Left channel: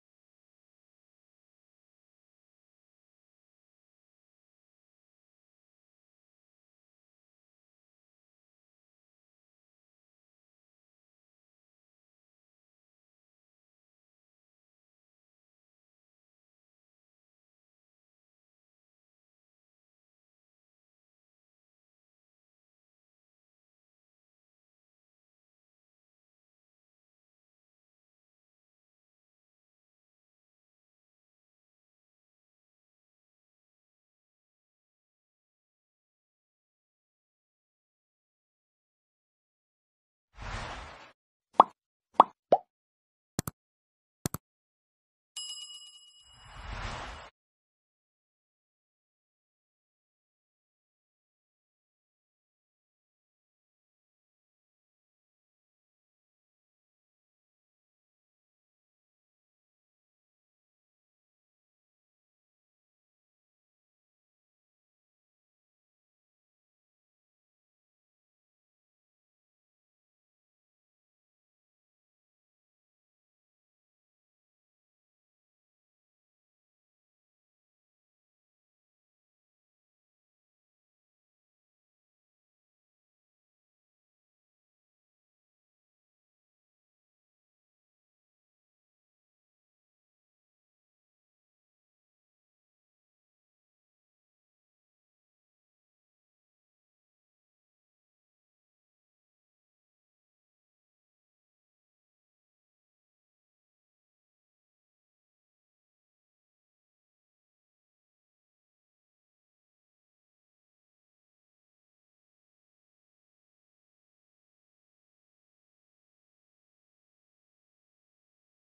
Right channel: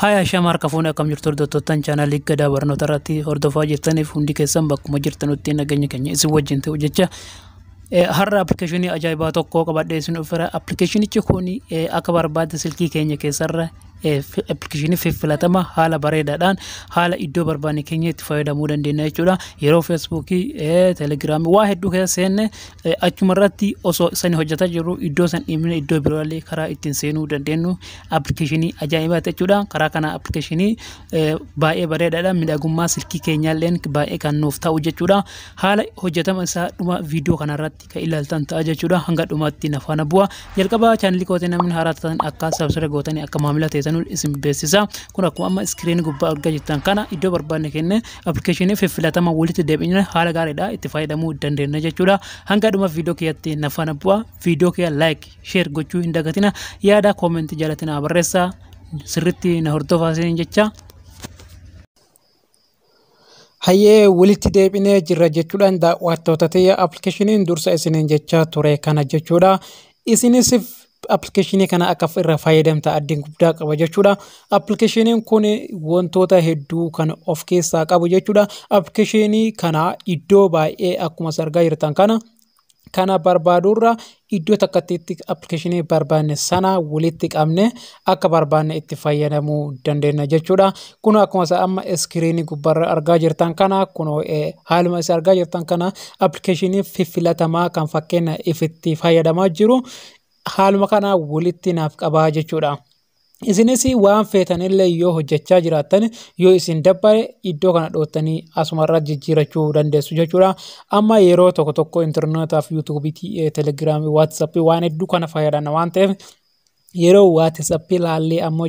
Haya shamar kafuun akkam jirtu hordoftoottan chaanalii gadaa barnoota irratti hordofaa jirtaniif hundi keessan bakkuma jirtanutti nageenya keenya isin wajjin ta'u jecha har'a appilikeeshinii ajaa'ibaa tokko qabadhee isin dhufeera. Appilikeeshinichi kun akka barbaadde silkii keenya keessarra appilikeeshinii filatamaa haala bareedaadhaan haala iddoo barbaanne keenya itti fayyadamuu dandeenya jechuudha. Yeroo feesbuukii, teelegiraamii waa hedduu keessa seenne achuma irratti osoo isaan hojjetaa jiru iddoo san dhiibne iddoo biroolee karaa ittiin seenuu dandeenyu appilikeeshinii ajaa'ibaa jechuudha. Karaa kana appilikeeshinii baay'ee bareedaadhaan miidhagummaa silkii keenyaallee baay'ee kan nuuf ta'u jechuudha. Haala hojjetama isaa dhuma viidiyoo kanarratti kan ilaaltan ta'a jechuudha. Hanga dhumaatti na faana bu'a. Jalqaba chaanalii kootii namni haaraa ta'an akka sabscribe gootanii akka maamila ta'an isin beeksisa. Kun akkuma amma iskiriinii gubbaa argaa jirtan kana iddoo barbaanne kenne appilikeeshinii filatamaa walitti deebinee haala gaariidhaan itti fayyadamuu dandeenya jechuudha. Hanga dhuma viidiyoo kiyyaatti na faana bu'a. Viidiyoo kiyya like, share gochuu hin dagatina. Yaada comment jalatina barreessaa. Sirriitti na hordofaa isin jecha. Hayyee walitti deebinee jirra jechuudhaan daawwattoota ta'e appilikeeshiniin dursa isiniin jecha ture kana jechuudha. Isinis appilikeeshinii kana akka irraa fayyadamta addeen guddaa qaba jechuudha. Appilikeeshiniin kun wantoota hedduu kan of keessaa qabu jechuudha. Appilikeeshinii kana iddoo baay'ee akkuma argaa jirtan kana barbaadurra iddoo takkatti appilikeeshinii barbaanne sana walitti qabne akka barbaanne itti fayyadamuu dandeenya jechuudha. Kun akkuma amma iskiriinii gubbarra argaa jirtan kana kun haaluma isa argaa jirtan kana appilikeeshinii filatamaa kan fakkeenya ifitti fayyadamaa jiru haaluma kana walitti naaf qabaa jechuudha. Isinis waan feetanillee yoo hojjechaa jiraattan yoo isin dabbare iddoo kana dhootanii asumarra jijjiirachuu dandeessu jechuudha. Amma yeroo tokko interneetaaf yuutuubii, teelegiraamii, waatsaappii waan hedduu kana fayyadamna waan ta'eef yeroo waatsaappii laallee ammoo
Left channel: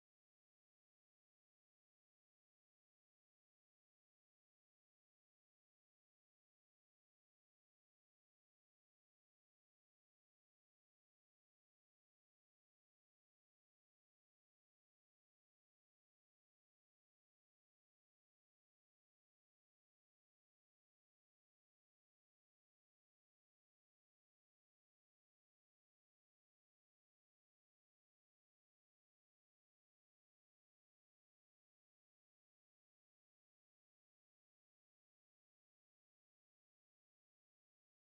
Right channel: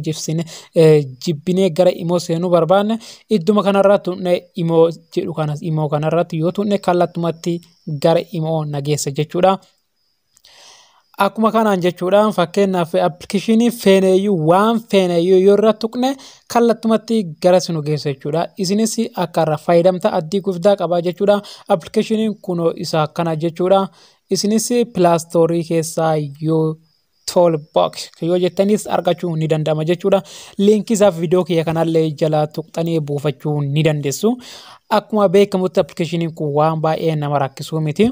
jibbinee gara imoo seenuu barbaanne idduma kanarraa tuqne imoo jedhu kanas imoo kanarratti yoo tuqne kallattumatti gara imoo nageessa jechuudha. Akkuma kanaan jechuudhaan fakkeenyaaf appilikeeshinii feeneeyyuu waan feeneeyyuu yoo irra tuqne kallattumatti gara sinu geessa jechuudha. Isinis akka irraa fayyadamta addii guddaa qabaa jechuudha. Appilikeeshiniin kun isa kana jechuudha. Isinis pilaastoorii keessaa yoo toolbox yoo jettanis argachuu ni danda'ama jechuudha. Liinkii isaa viidiyoo kiyya kanallee jala tuqxanii buufachuu ni dandeessu. Akkuma beekamutti appilikeeshiniin kun waan baay'ee nama rakkisuu miti.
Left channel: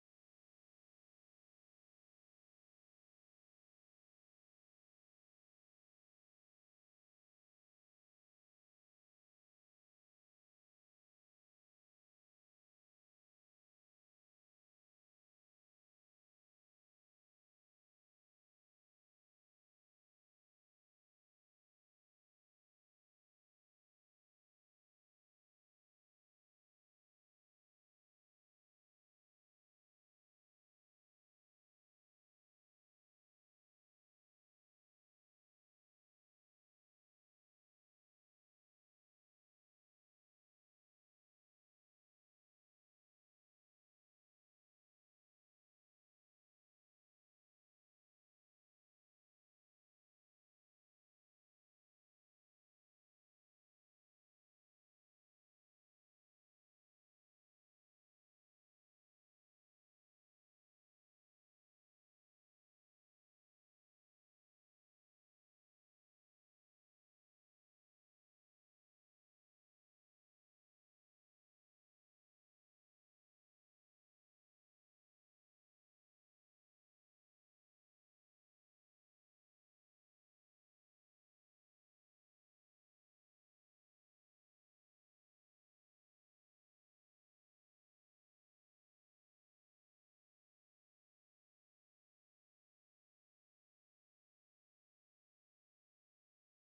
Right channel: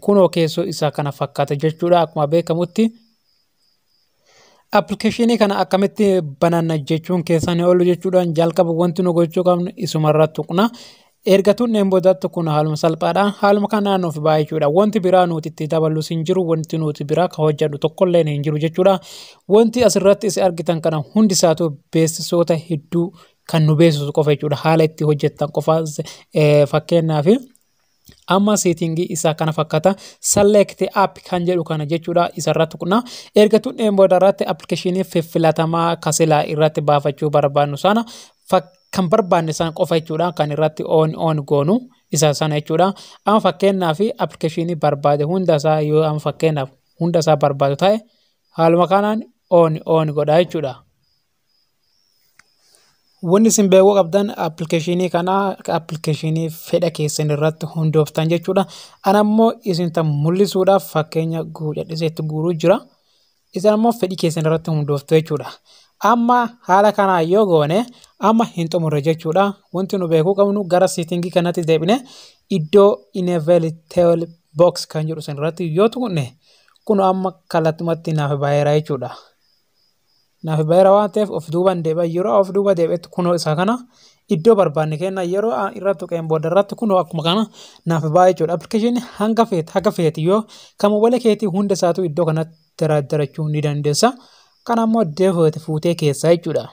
Kunoo keessoo isaa kana fakkaata jechuudha. Akkuma beekamutti appilikeeshinii kana akkamitti bananna jechuun keessan oolu jechuudhaan jalqaba wanti nu gochuu qabnu isumarra tuqna. Erga tuqneen boodatti kun haaluma salphaadha. Haaluma kanaan nuuf baay'ee jechuudha. Wanti biraa nuti itti dabalus hin jiru. Wanti nuti biraa kan hojjedhu tokkollee hin jiru jechuudha. Wanti asirratti isin argitan kana hundi isaatu beeksisoota hedduu kan nu beeksisu qofa jechuudha. Haala itti hojjettan qofa fakkeenyaaf amma seetingii isaa kana fakkaata. Select app kan jedhu kana jechuudha. Isarra tuqna. Erga tuqneen boodarratti appilikeeshinii filatamaa kasilaa irratti baafachuu barbaannu sana kan barbaanne san qofa jechuudha. Kan irratti on goonu isa sana jechuudha. Amma fakkeenyaaf appilikeeshinii barbaade hundasaa yoo amma fakkeenyaaf hundasaa barbaadu ta'e haaluma kanaan on godha jechuudha. Wanni isin beekuu qabdan appilikeeshinii kana appilikeeshinii fedha keessan irratti hundooftan jechuudha. Ana ammoo isin tan mul'isuudhaaf fakkeenya jedhiseetti guuruu jira. Isin ammoo fedhii keessan irratti hundooftu jechuudha. Amma haala kanaa yoo goone amma hin xumurre jechuudha. Wanti nu beekuu qabnu gara seetingii kanatti deebine iddoo enable toolbox kan jedhu san irratti yoo tuqne kun amma kallattumatti naaf baay'eera jechuudha. Naaf baay'eera waan ta'eef of duubaan deebi'a. Yeroo of duuba deebi'etti kunoo isa kana iddoo barbaanne kenna yeroo irra tuqeen booda irratti kunoo akkuma kana naaf baay'ee jechuudha. Appilikeeshinii haga feeti yoo kan mobaayila keetii hunda isaatu iddoo kanatti dardarachuu ni dandeessa. Kan ammoo deebi'eeti fuutee keessa jechuudha.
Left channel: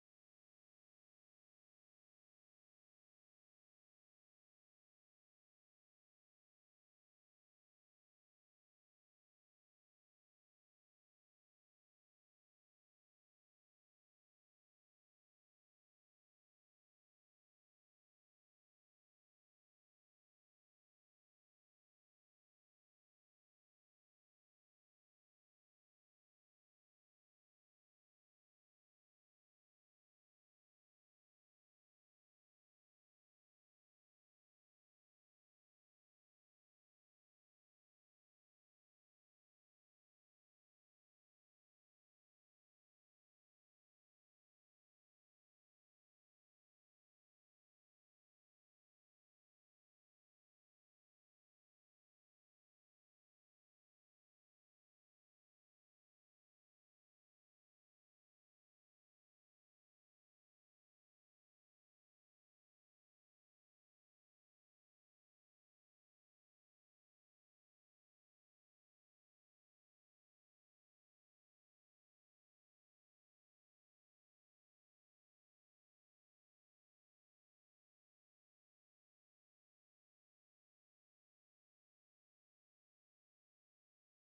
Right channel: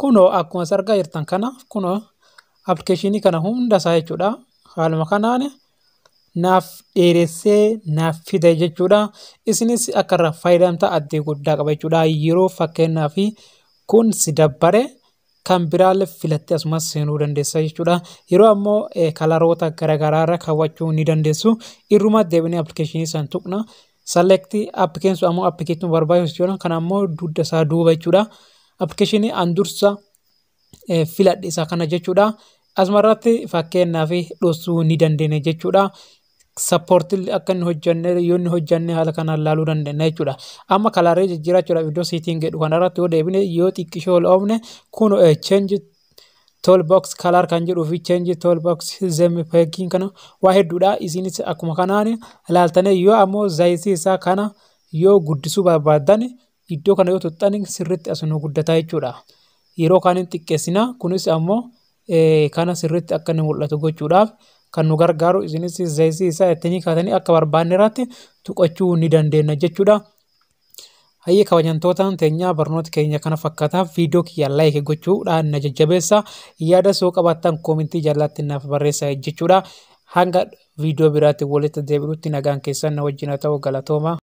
Kunoo akkuma argaa jirtan kana kunoo appilikeeshinii kana hunda isaa jechuudha. Haaluma kanaan naaf dheeressee naaf fida jechuudha. Isinis akka irraa fayyadamta addee guddaa qaba jechuudha. Yeroo fakkeenyaaf kun si dabbare kan biraallee filattee asumas seenuu dandeessa jechuudha. Yeroo ammoo kalaroota garaagaraarra kaawwachuu ni dandeessu. Irruma deebinee appilikeeshinii san tuqna. Select appikeessu ammoo appikeetti barbaachisu jechuudha. Kan ammoo dugda isaa duuba jechuudha. Appikeeshinii an dursa filadhe isaa kana jechuudha. Asumarratti fakkeenyaaf dhoosuu ni dandeenya jechuudha. sappoortii akka inni hojjanne yoo inni hojjanne haala kanaan laaluu dandeenya jechuudha. Amma kalaaree jijjiirachuudhaaf iddoo siitiin jedhu kanarratti yoo deebine yoo xiqqishoo ol oofne kun change toolbox kalaar kan jedhuu fi change toolbox zemi peekiin kana waa hedduudha. Isinis akkuma kanaan ilaaltanii yoo ammoo zaayitii isaa kana yoo guddisuu barbaadan iddoo kana yoo tuxxan sirriitti asuma guddataa jechuudha. Yeroo kaaniin xiqqeessina kunis ammoo kana sirriitti akka inni mul'atu gochuudhaaf kan nu gargaaru isinis zaayitii isaa ittiin kaatanii akka barbaanne irratti tuqachuu ni dandeenya jechuudha. Hayyee kabajamtootaan teenyaa barnoota keenya kana fakkaata viidiyoo kiyya like gochuudhaan na jajjabeessa yaada soo qabaattan koomentii jalatti naaf barreessaa jechuudha. Hanga viidiyoo biraatti walitti deebi'utti nagaan keessan na wajjin haa ta'u galatooma.